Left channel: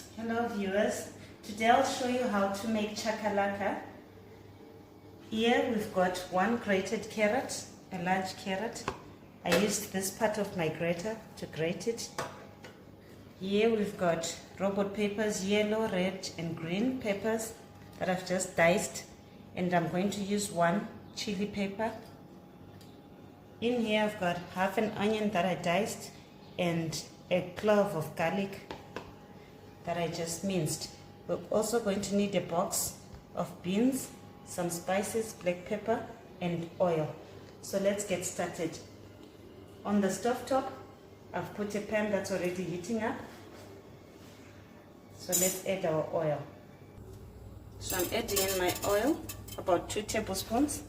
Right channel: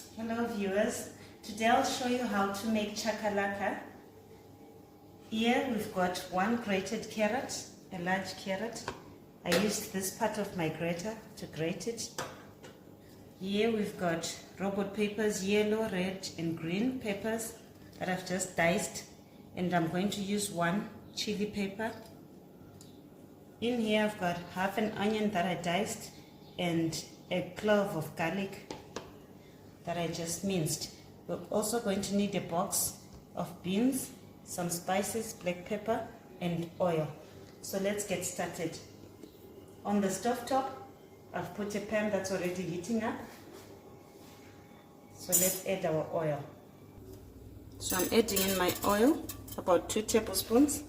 Hello viewers, today I'll show you how to make chakalaka. Here we've got one grated carrot, a large carrot. I used this part of my grater to grate it. Here we've got robot peppers, yellow, red and green peppers that I've just diced, and I'm going to use one chili pepper. In here I've got half an onion that I diced and a clove of garlic that I just minced. We're also going to need a box of beans, some spices, black pepper and oil. So let's get started. On the stove top, I've put a pan that's already heating up. So let's add our oil. So I'm adding in my oil, about 2 tablespoons.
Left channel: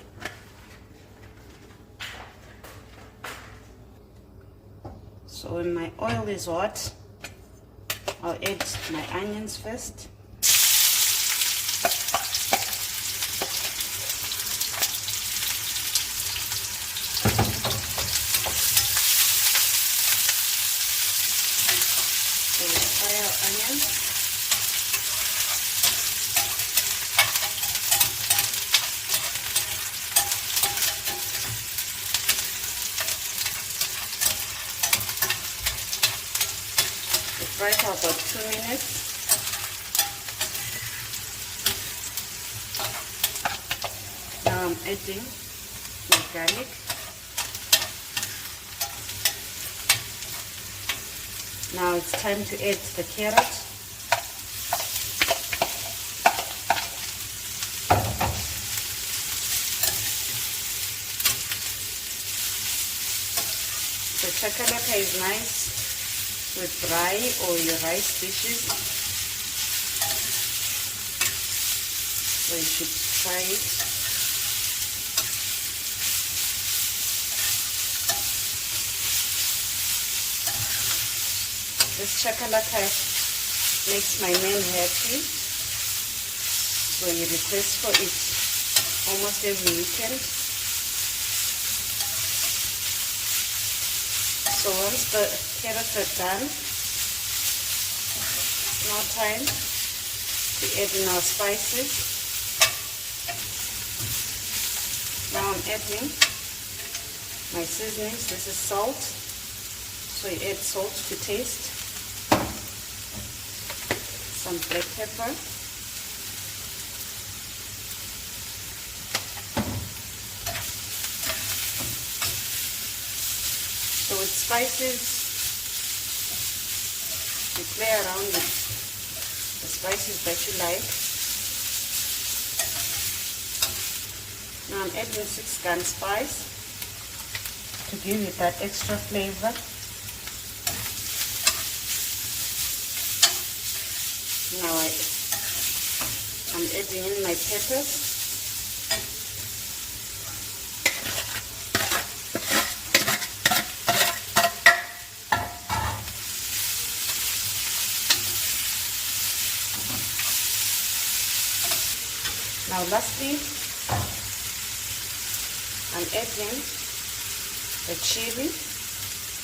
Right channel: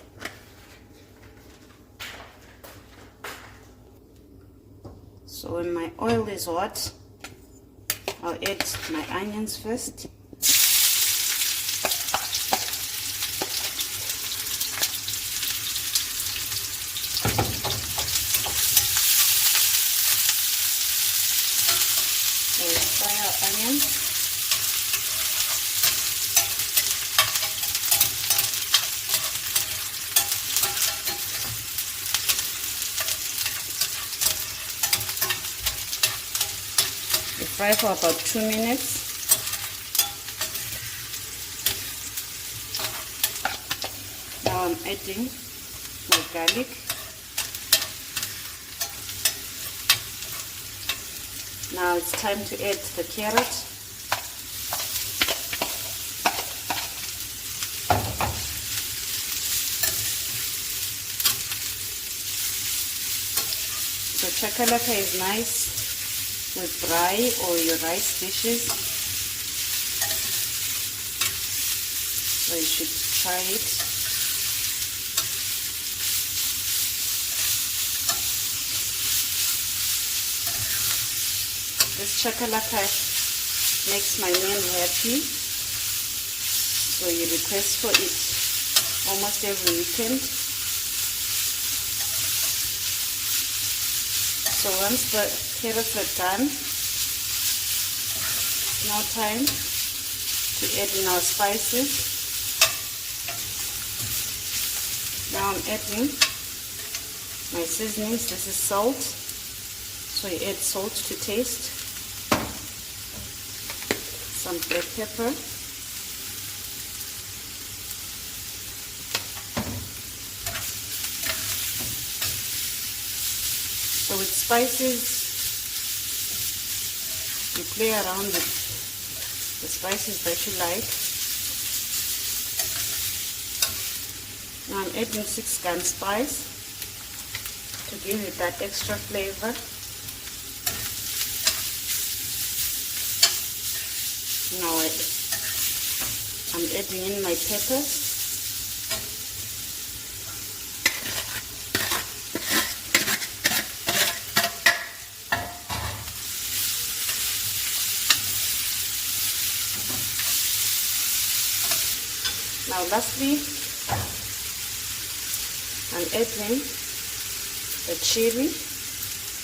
So when my oil is hot, I'll add my onions first. So we'll fry our onions. Fry for about 2 minutes. Now I'm adding my garlic. Now it's time to add the carrot. The chakalaka is nice with dry or your rice dishes, so you should try it. This chakalaka makes my man happy, so he requests for it almost every weekend. So once the carrots are done, it's now time to add in our spices. Now I'm adding my seasonings. This is salt, so you add salt to taste, some black pepper, so with spices, you play around with the spices that you like. Now I'm adding 6 gram spice to give it that extra flavor. Now I'm adding in my peppers. Now lastly, I'm adding the chili.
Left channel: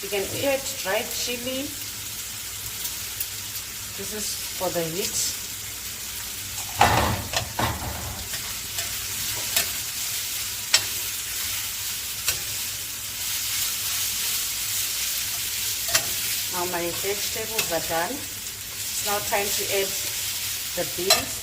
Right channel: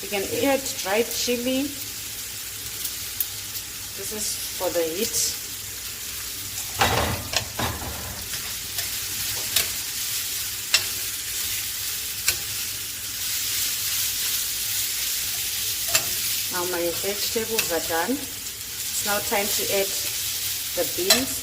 You can add dried chili. This is for the heat. Now my vegetables are done. It's now time to add the beans.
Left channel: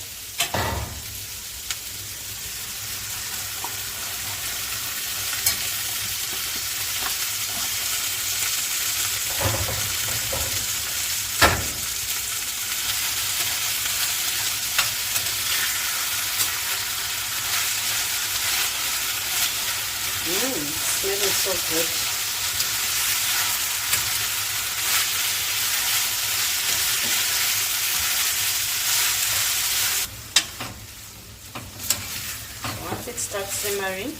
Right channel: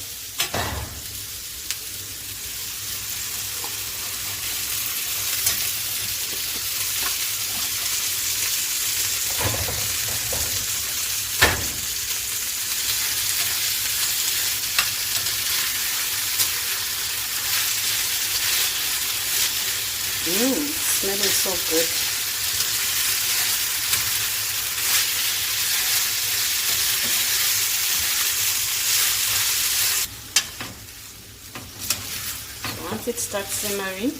Smelling so good. So once it starts simmering,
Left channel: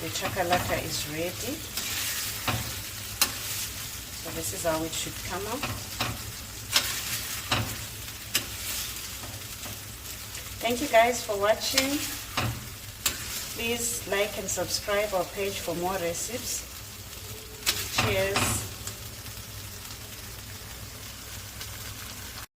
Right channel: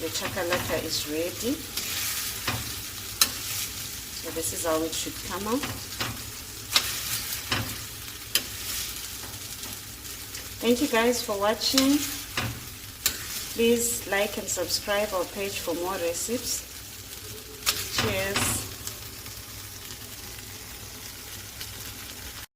the chakalaka is ready. So this is how it should come out. Thank you guys for watching. Please like and subscribe our page for more recipes. Cheers.